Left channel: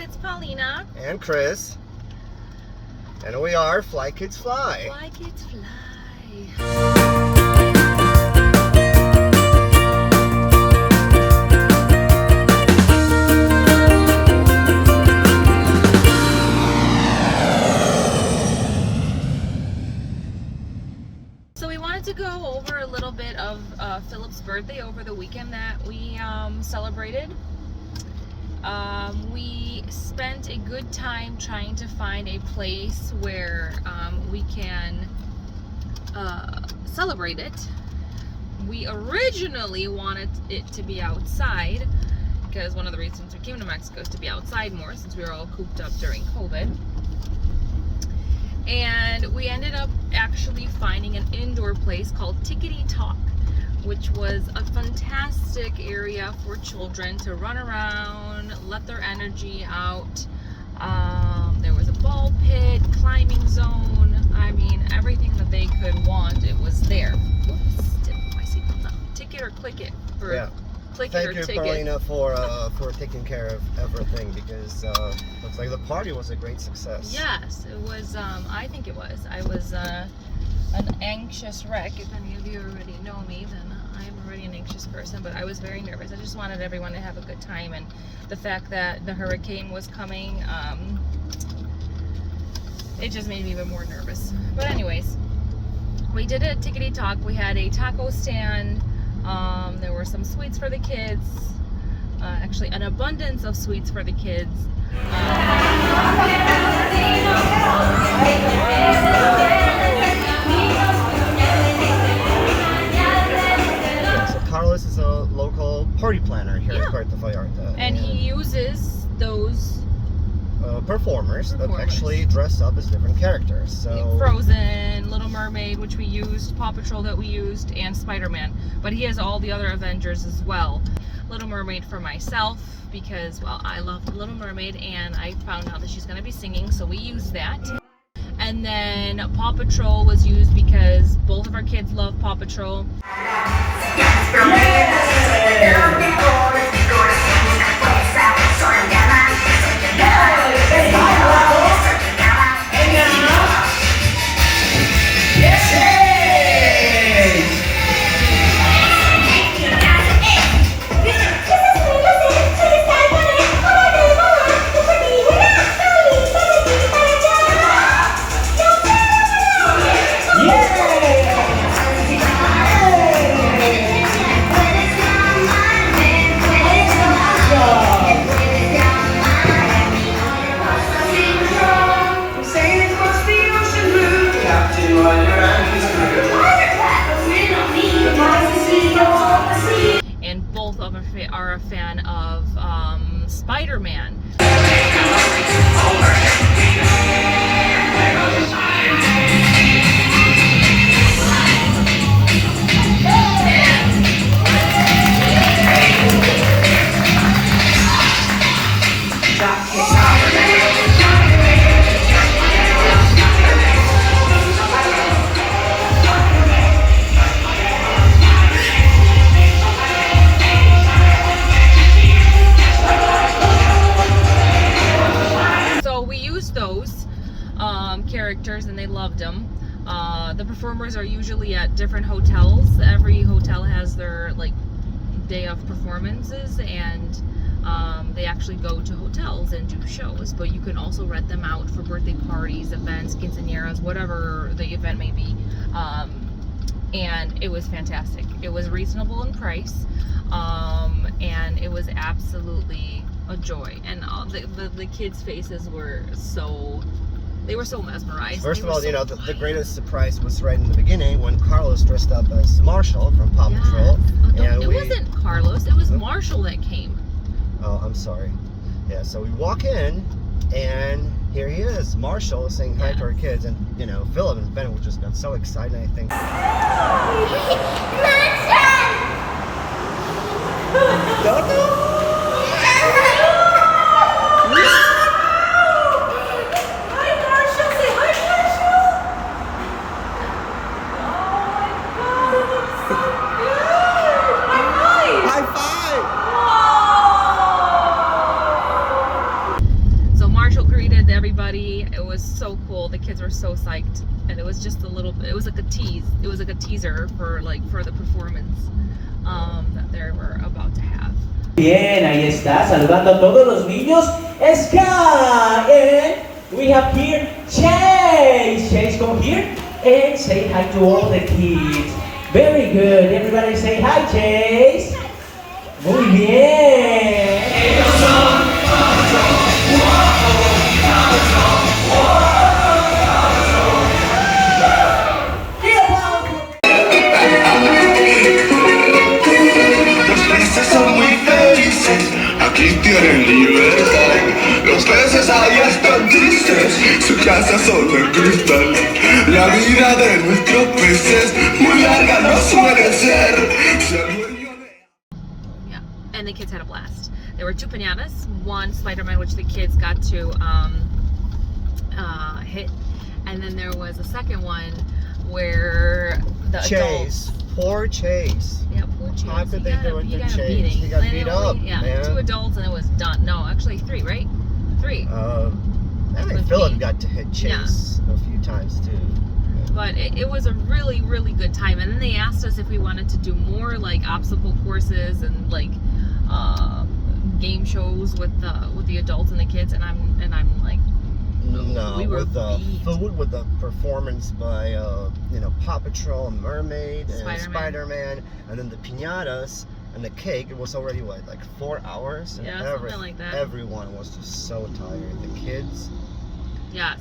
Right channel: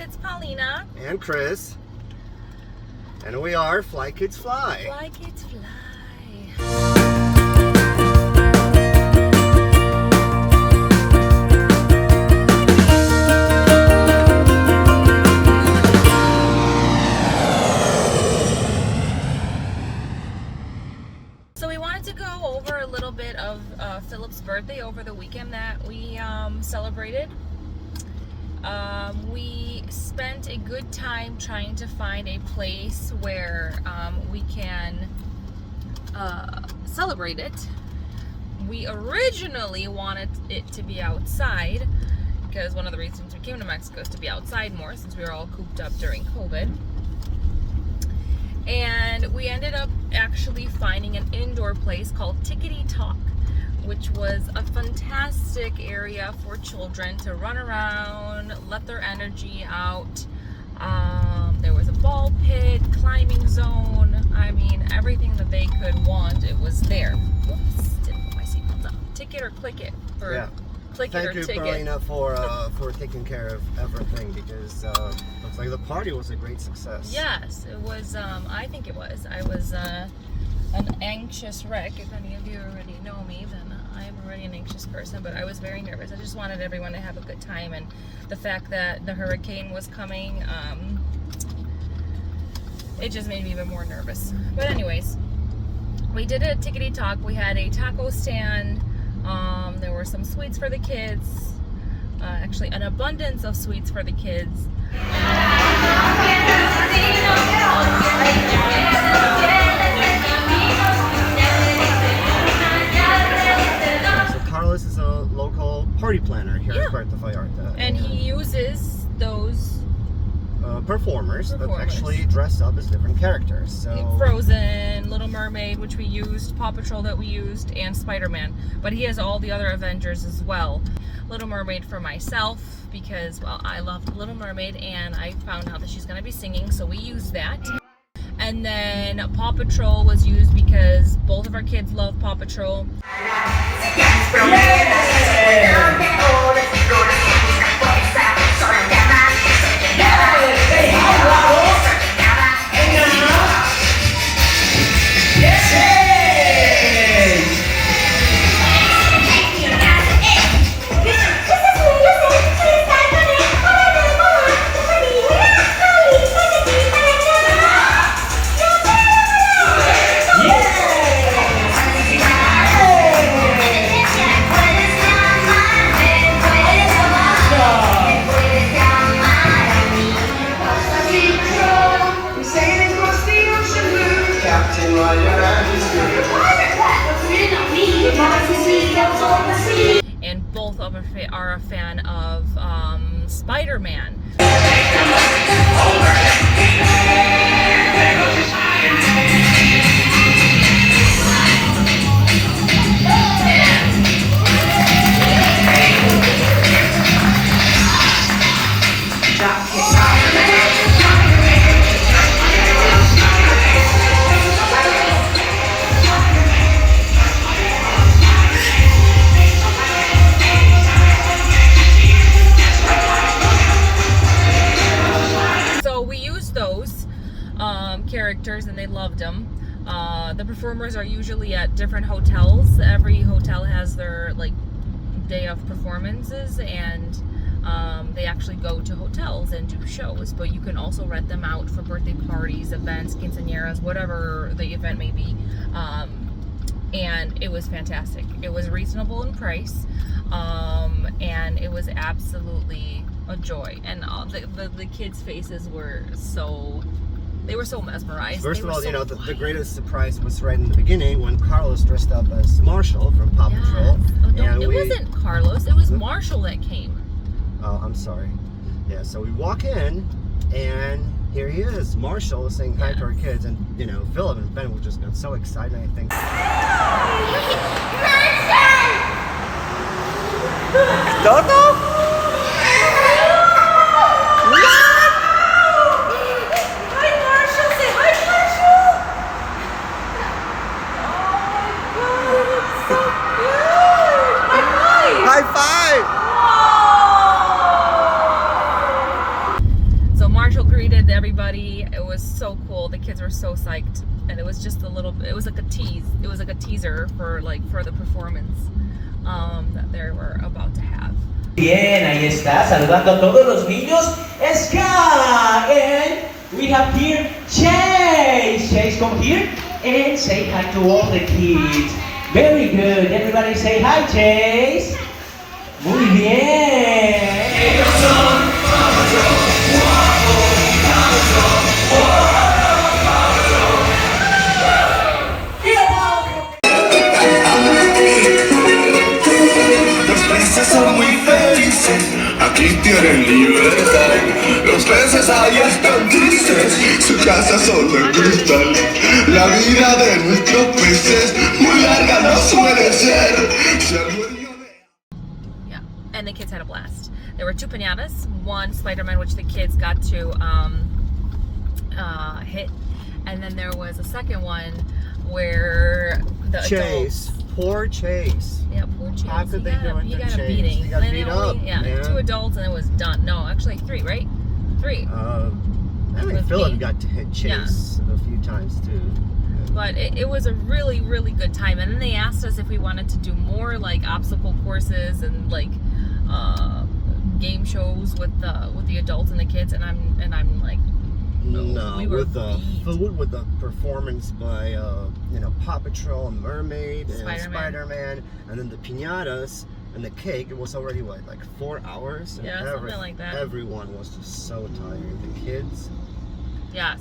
it's Paulina. And Chris. And we are Fly Kids Fly. Fly Kids Fly. So we wanted to go over a little bit of Philip's birthday over the weekend that we celebrated. We spent a good time trying to find a place where we can celebrate it. We originally wanted it to be outside because one of the reasons we came to Mexico is to be outside more since we were all cooped up during COVID. And we ended up actually finding an indoor place called Tikity, which was a fantastic area for children to run around, let their energy out. There was a ball pit, climbing zone. I mean, everything that they could want, it was there. Oops, didn't put my seatbelt on. Ticket or click it? Click it or ticket. Thank you, Paulina, for taking care of everything because looks like the party was a great success. Yes, it was. I think it was. I was an anxious wreck. If any of you already know me, then I'm already an anxious person, but I was very nervous. I just wanted everyone to have a good time, and the fact that the hurricane was coming, it just made me even more nervous. But anyways, we did a Tikity Talk. We had a taco stand. There were some sweets for the kids. Actually, an abundance of sweets for the kids. Carlos is a local party planner here at Puerto Vallarta. And he uses those performers that actually dress up as different characters. So Frozen, Little Mermaid, which we used, Paw Patrol that we used, and Spider-Man. But he has all the other Avengers as well. Little Mermaid for myself because, well, I love Little Mermaid and I found out that she's going to be singing, so we used that. And then Paw Patrol was used because both of our kids love Paw Patrol. And both of us are a fan of Spider-Man. Characters and they loved them. The performers are usually at different hotels. Every hotel has their like day of performances, and they actually go to hotels and do shows, but you can also rent them out for birthday parties, events, quinceañeras, whatever the event may be. And it was fantastic. It was reasonable in price, and it was absolutely a joy. And the kids' faces were so... They were so mesmerized. First of all, you know, the greatest surprise was right in the beginning when Carlos dressed up as Marshall from Paw Patrol. And it wasn't Carlos, it was Marshall that came. Oh, I'm sorry. Yeah, so we walk in, and here he is, Marshall, saying hi to our kids. And, you know, Philip and Ben were just got so excited, I think. Toto? High five! everybody. It was so cool. The kids were so psyched, and it was just a little. It was like a tease. It was like a teaser for the performance that they were about to have. Bien, ahí está, saludando a todos los niños. Ska, and we have here Chase. Chase, come here and say hi to all the kids. Very good. Everybody say hi, Chase. Muy bien. Son muy felices, aquí tienen libertad. Los peces ahí están tristes, su casa son de cristal. La vida de nuestros peces muy larga no suele ser. Yeah, and the kids had a blast. There were 2 piñatas, one Spider-Man, which the kids got to hit, and then there was a second one where the Chase. adults. Poor Chase. Yeah, poor Chase. How could they do it He to got a Chase? beating. He got Then beat it only- up, Yeah, man. 2 adults and it was done. No, actually 3, right? 3. I think was Philip me. got to hit Chase a few times too. But it was a really, really good time. And then they asked us if we wanted to do more like obstacle courses and like game shows with the adults and the kids. And I'm like, No, we were with the beat. food, with the performance by Paw Patrol and Mermaid and Spider-Man. Spider-Man, and then the piñatas and the cake. It was already what, like 4 hours? And Yeah, something like that. Everyone was just so tired. The kids. yes.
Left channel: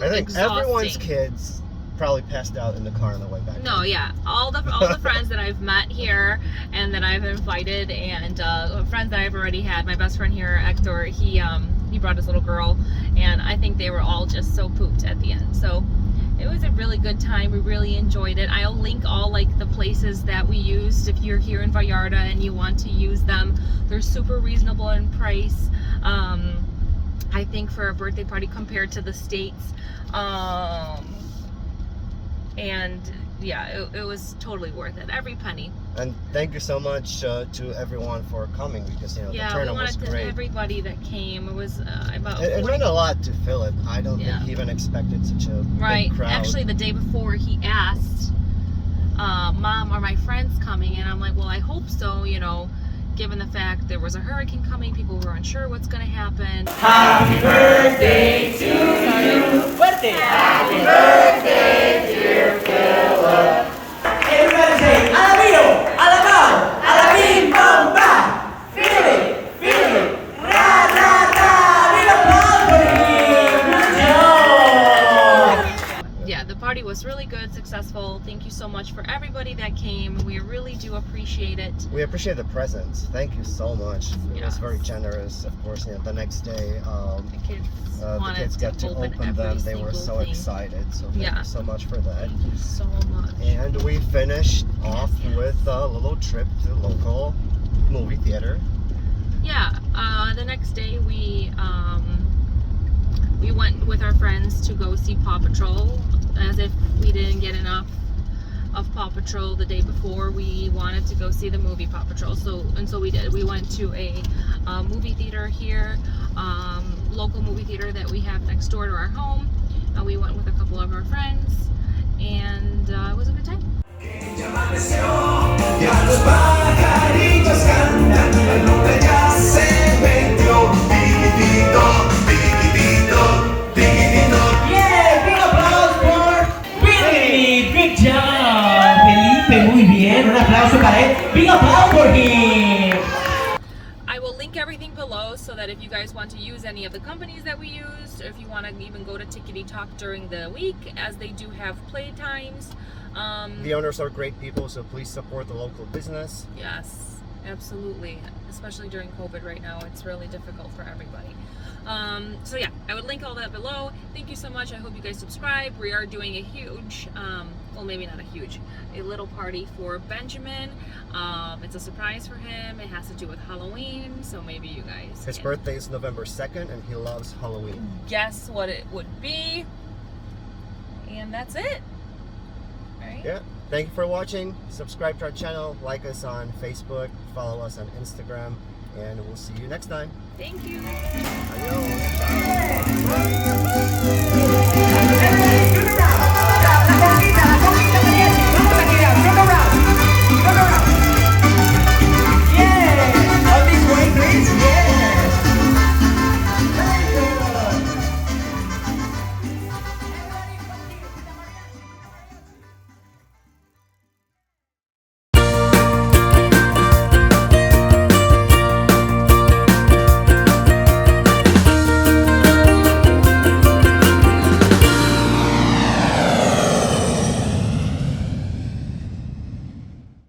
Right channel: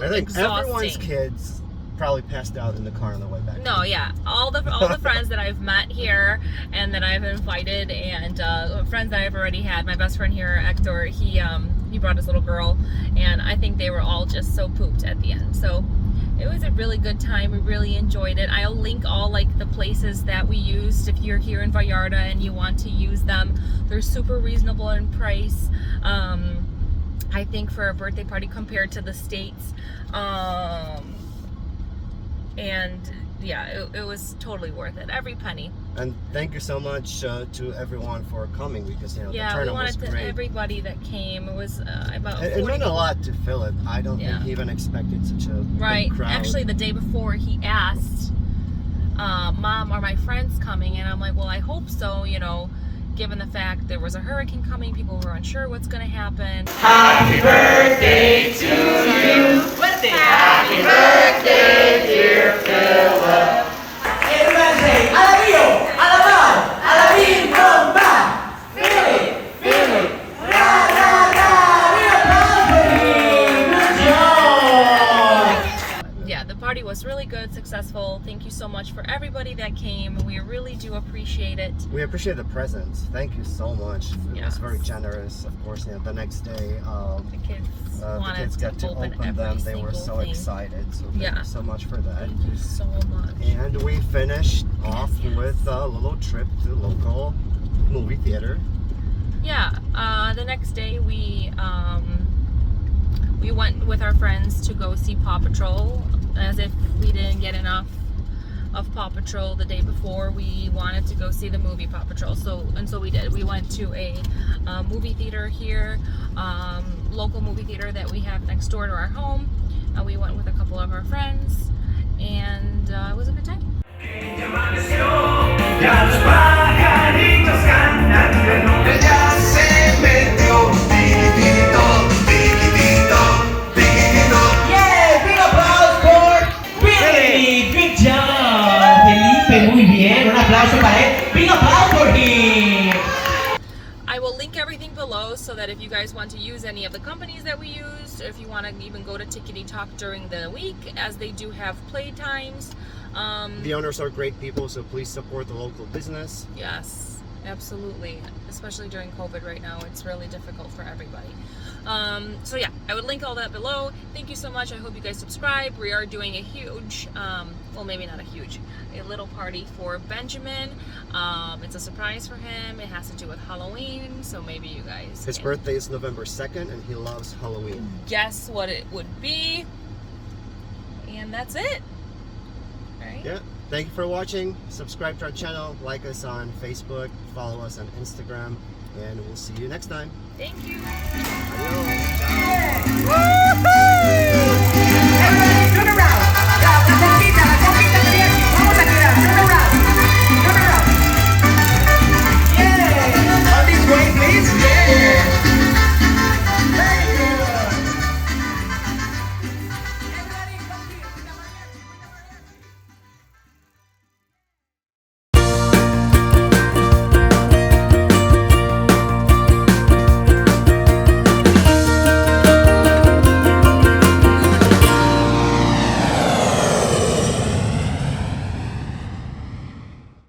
I think everyone's Exhausting. kids probably passed out in the car on the way back. No, yeah, all the friends that I've met here and that I've invited, and friends that I've already had. My best friend here, Hector, he brought his little girl, and I think they were all just so pooped at the end. So it was a really good time. We really enjoyed it. I'll link all like the places that we used if you're here in Vallarta and you want to use them. They're super reasonable in price. I think for a birthday party compared to the States. And yeah, it was totally worth it. Every penny. And thank you so much to everyone for coming, because the Yeah, we turnout was wanted to great. everybody that came. It was about It 40 meant a lot to Philip. I don't think he even expected such a Right. big crowd. Actually, the day before, he asked, Mom, are my friends coming? And I'm like, well, I hope so, given the fact there was a hurricane coming, people were unsure what's going to happen. Happy birthday to you. Birthday. Happy birthday, dear Philip. Everybody say, alabio, alabao, alabim, bomba. Philip, Philip, ra, ra, ra. We applaud for him. Good job. Yeah, the party was really good, successful. Thank you so much for everybody that came. We really do appreciate it. We appreciate the presents. Thank you so much. It Yes. was very generous. Of course, the next day, The kids the wanted kids got to open every them. They were single so thing. excited. So thank Yeah. you so much for that. Thank you so much. And we finished off with a little trip to the local movie theater. Yeah, the next day we went with our friends to go see Paw Patrol. As if we didn't get enough of Paw Patrol the day before, we wanted to go see the movie Paw Patrol. So we did. We went to a movie theater here, local movie theater that we have next door to our home. We went with a couple of our friends, and it was a good time. Ya los pajaritos cantan en lo que ya se metió. Tikitito, tikitito, tikitito. Yeah, big applause for Willie. Good job, Felipe. Muy bien. Un aplauso para él. Big applause for him. I will link everything below so that if you guys want to use any of the companies that we used, if you want to even go to Tikity Talk during the week, as they do have play times. The owners are great people, so please support the local business. Yes, absolutely. Especially during COVID right now, it's really difficult for everybody. So yeah, I would link all that below. Thank you so much. I hope you guys subscribe. We are doing a huge, well, maybe not a huge, a little party for Benjamin. It's a surprise for him. It has to do with Halloween, so maybe you guys His can birthday is November 2nd, and he loves Halloween. guess what it would be. And that's it. Right? Yeah. Thank you for watching. Subscribe to our channel, like us on Facebook, follow us on Instagram, and we'll see you next time. Thank you. Adios. Ciao. Woo-hoo!